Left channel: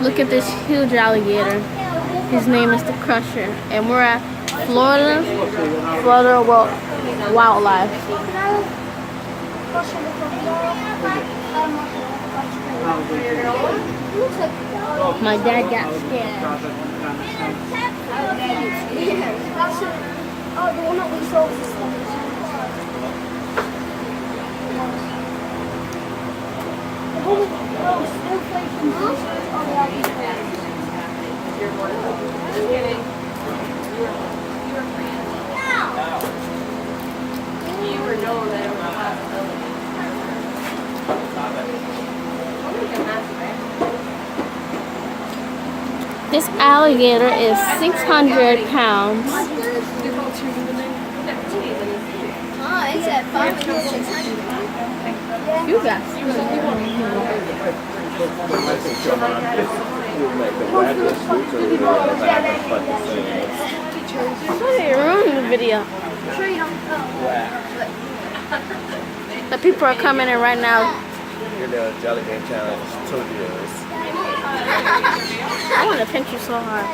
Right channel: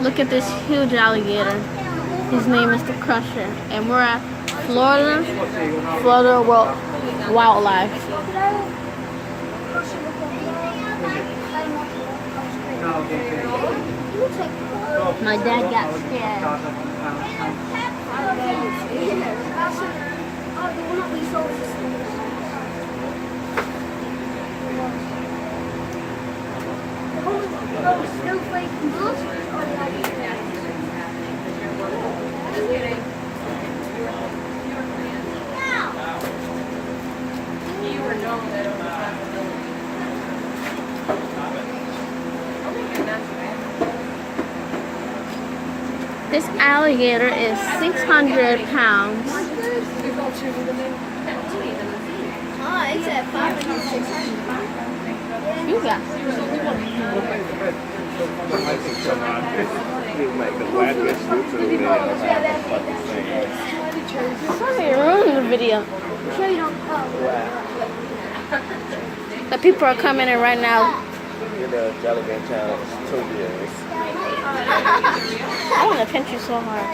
Look at this huge alligator. His name is the Crusher, and we're at Florida Wildlife. My dad got scared. This alligator is 600 pounds. Oh, it's at 500. You got Sorry, you're ruining the video. The people are coming in right now. You're the Jolly Game Town Studios. I want to pinch you so hard.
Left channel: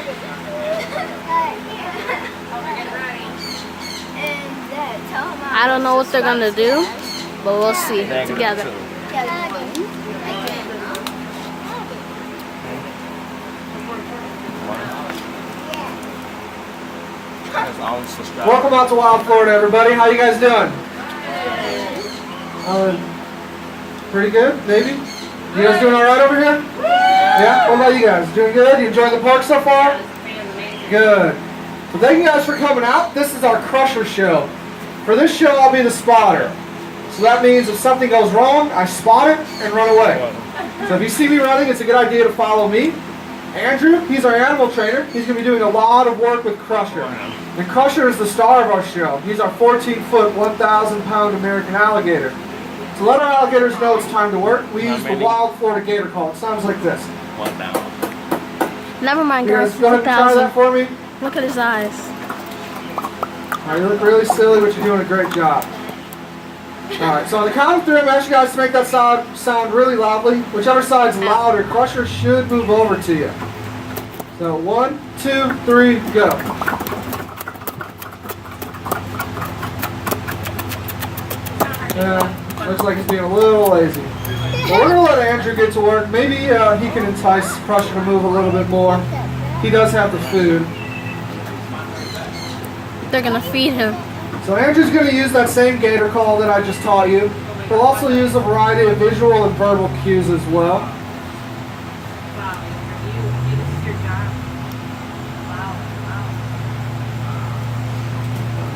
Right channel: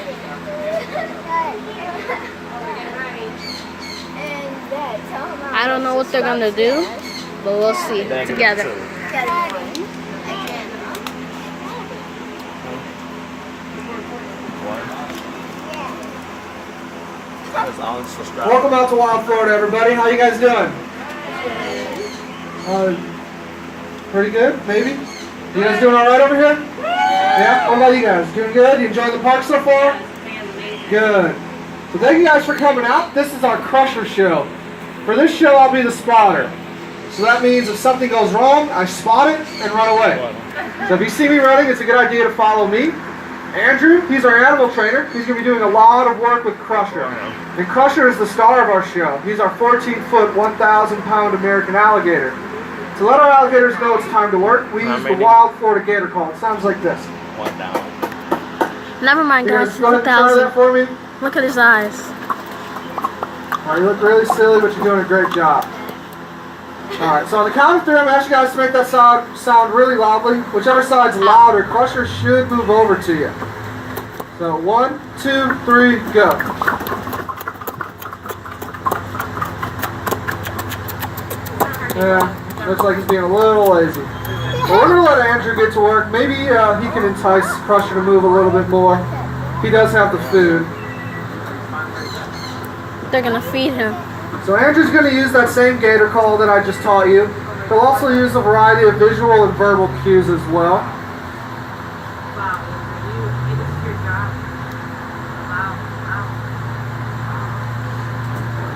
I don't know what they're going to do, but we'll see together. Welcome out to Wild Florida, everybody. How you guys doing? Pretty good, maybe? You guys doing all right over here? Yeah? What about you guys? Doing good? You enjoying the park so far? Good. So thank you guys for coming out. This is our Crusher show. For this show, I'll be the spotter. So that means if something goes wrong, I spot it and run away. So if you see me running, it's a good idea to follow me. Andrew, he's our animal trainer. He's going to be doing a lot of work with Crusher. And Crusher is the star of our show. He's our 14-foot, 1,000-pound American alligator. To let our alligators know it's time to work, we use the Wild Florida Gator call. It sounds like this. 1,000. Never mind, guys. Go ahead and try that for me. Look at his eyes. All right, you look really silly, but you're doing a great job. Alright, so on the count of three, I'm asking you guys to make that sound really loudly. Whichever side's louder, Crusher should move over to you. So 1, 2, 3, go. Yeah, looks like he's being a little lazy. But we're going to let Andrew get to work. Maybe he can entice Crusher to move a little bit more. He does have the food. They're going to feed him. So Andrew's going to use that same gator call that I just taught you. He'll also use a variety of visual and verbal cues as well.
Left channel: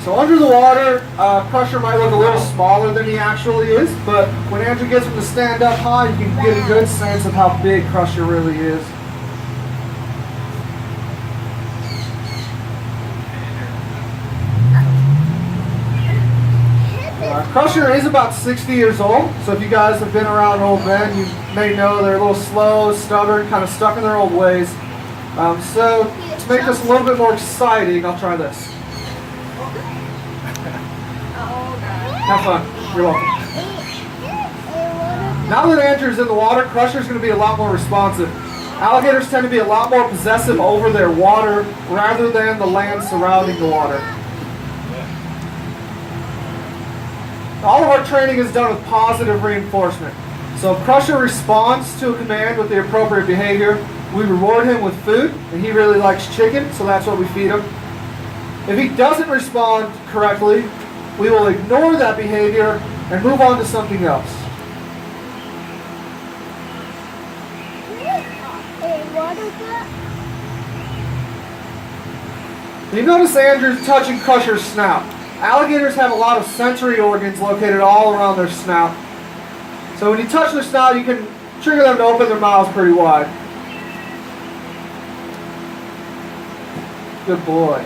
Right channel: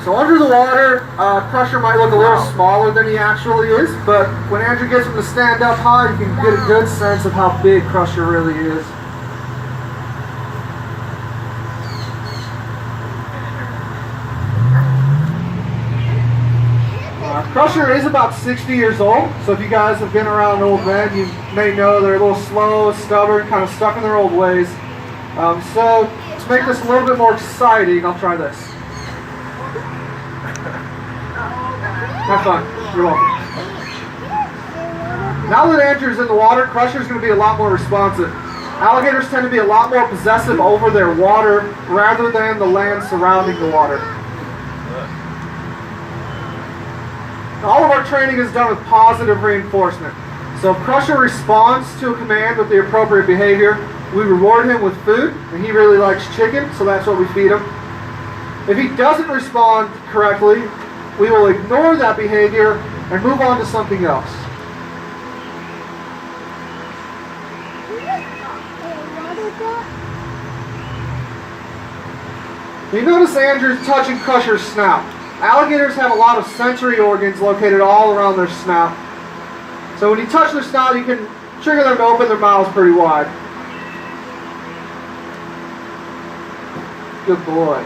So under the water, Crusher might look a little smaller than he actually is, but when Andrew gets him to stand up high, you can get a good sense of how big Crusher really is. Crusher is about 60 years old, so if you guys have been around old men, you may know they're a little slow, stubborn, kind of stuck in their old ways. So to make this a little bit more exciting, I'll try this. Have fun. You're welcome. Now that Andrew's in the water, Crusher's going to be a lot more responsive. Alligators tend to be a lot more possessive over their water rather than the land surrounding the water. All of our training is done with positive reinforcement. So if Crusher responds to a command with the appropriate behavior, we reward him with food, and he really likes chicken, so that's what we feed him. If he doesn't respond correctly, we will ignore that behavior and move on to something else. You notice Andrew's touching Crusher's snout. Alligators have a lot of sensory organs located all around their snout. So when you touch their snout, you can trigger them to open their mouths pretty wide. Good boy.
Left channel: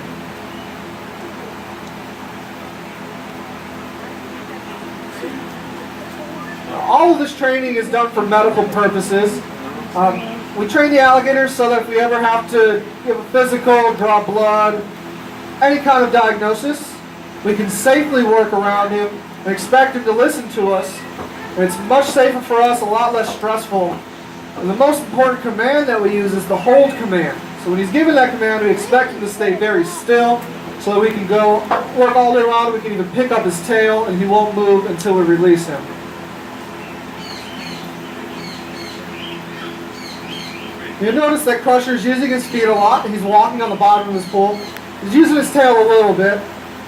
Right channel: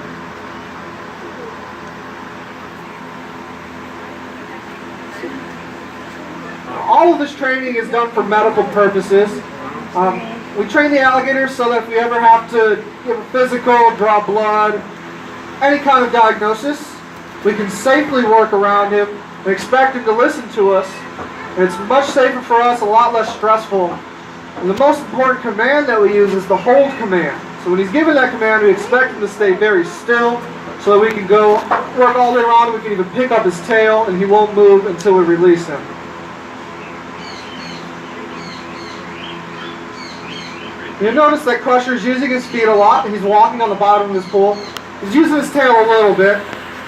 All of this training is done for medical purposes. We train the alligators so that if we ever have to give a physical, draw blood, any kind of diagnosis, we can safely work around him and expect him to listen to us It's much safer for us, a lot less stressful. And the most important command that we use is the hold command. So when he's given that command, we expect him to stay very still so that we can go work all the way around. We can even pick up his tail and he won't move until we release him. You'll notice that Crusher's using his feet a lot. He's walking on the bottom of his pool. He's using his tail a little bit.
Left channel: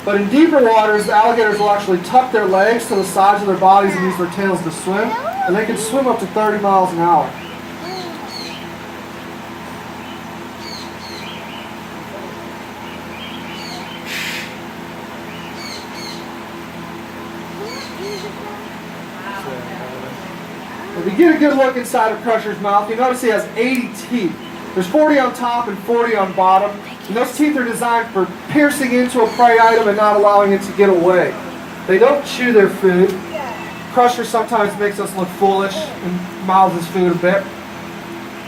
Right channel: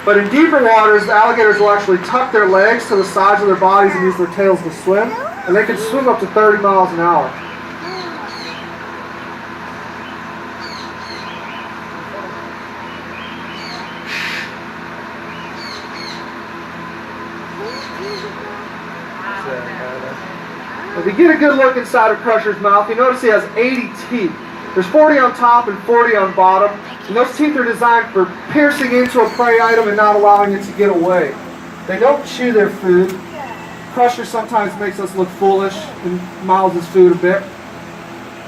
But in deeper waters, the alligators will actually tuck their legs to the sides of their bodies and use their tails to swim. And they can swim up to 30 miles an hour. If you get a good look inside of Crusher's mouth, you notice he has 80 teeth. There's 40 on top and 40 on bottom. And those teeth are designed for piercing into a prey item and not allowing it to get away. They don't chew their food. Crusher sometimes makes us look foolish and mouths his food a bit.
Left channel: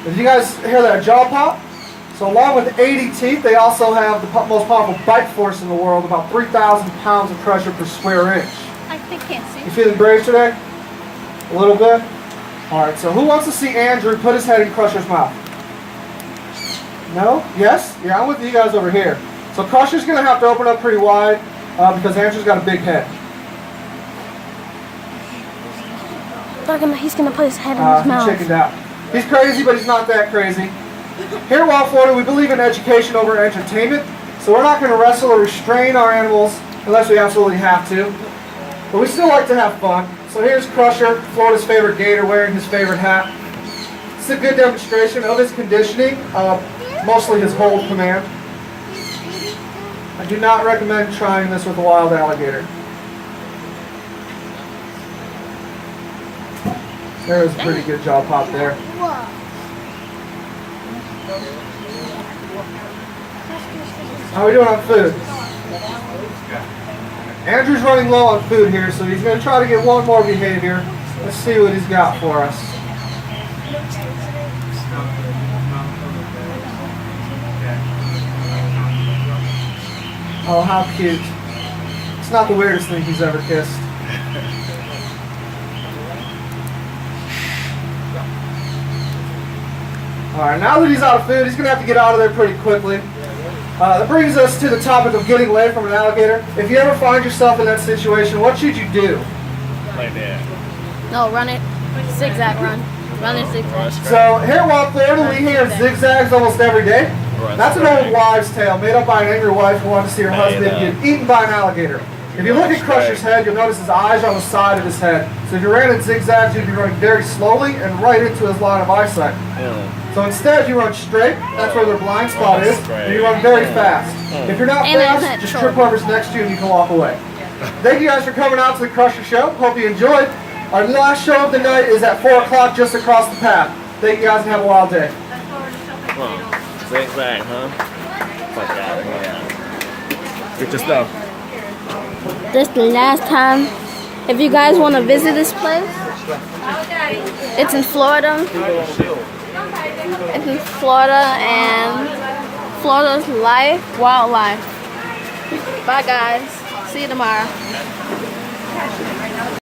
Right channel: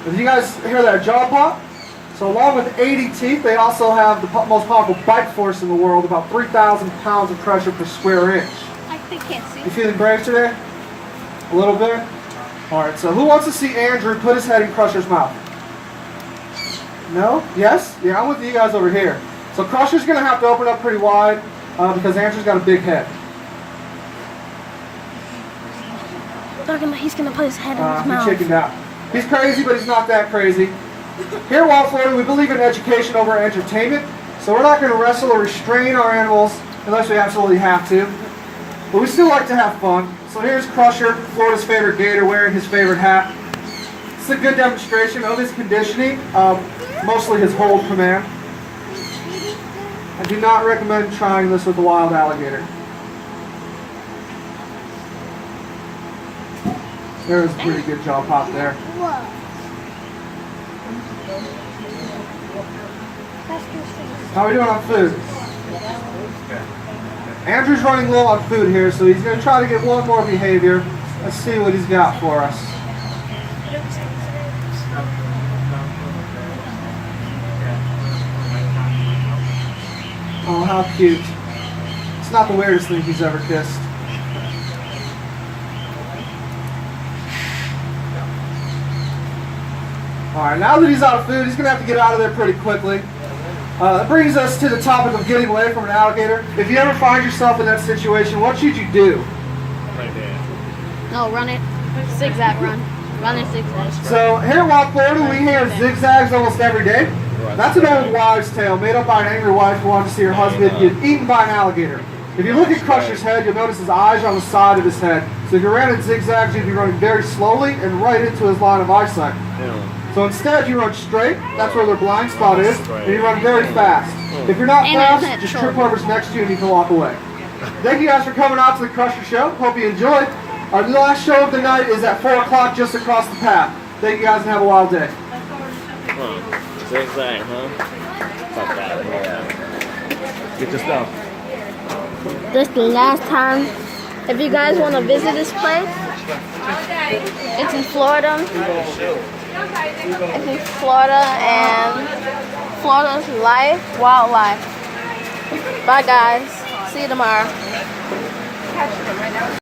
Did you guys hear that jaw pop? So along with 80 teeth, they also have the most powerful bite force in the world, about 3,000 pounds of pressure per square inch. I can't see. You feeling brave today? A little bit? Alright, so who wants to see Andrew put his head in Crusher's mouth? No? Yes? Yeah, I'm with you guys over here. So Crusher's going to have to open up pretty wide because Andrew's got a big head. He's gonna put his head in his He mouth. chickened out. He's crazy, but he's not that crazy. Here in Wild Florida, we believe in education over entertainment, so we're not going to wrestle or restrain our animals unless we absolutely have to. But we still like to have fun. So here's Crusher, Florida's favorite gator, wearing his favorite hat. It's a good demonstration of his conditioning, mostly his hold command. I do not recommend trying this with a wild alligator. There's a pretty good jaw pop there. How are we doing on food? Andrew's running low on food here, so he's going to try to get one more behavior. Let's see what he's got for us. Oh, how cute. It's not the weirdest thing he's ever kissed. Alright, now that he's out of food, he's going to have to get out of there pretty quickly. That brings us to the topic of getting away from an alligator. If you ever find yourself in that situation, what should you do? Like that. No, run it. Zigzag run. Run it zigzag. So here in Wild Florida, we hear zigzags almost every day. That's an old wives' tale made up by an angry wife who wanted to see her husband get eaten by an alligator. If you look at Crusher's head, you'll notice his eyes are on the side of his head. So if you ran in zigzags, you'd be running very slowly and right into his line of eyesight. So instead, you run straight. That's where their blind spot is. And you run very fast. If you're not fast, just trip whoever's next to you and you can walk away. Thank you guys for coming out to the Crusher Show. Hope you enjoyed. Our last show of the night is at 4 o'clock just across the path. Thank you guys and have a wild day. Zigzag, huh? Fuck out of here. Get your stuff. This is the last time. If you guys want to visit this place, it's in Florida. It's in Florida, and Florida's wildlife. Bye guys. See you tomorrow.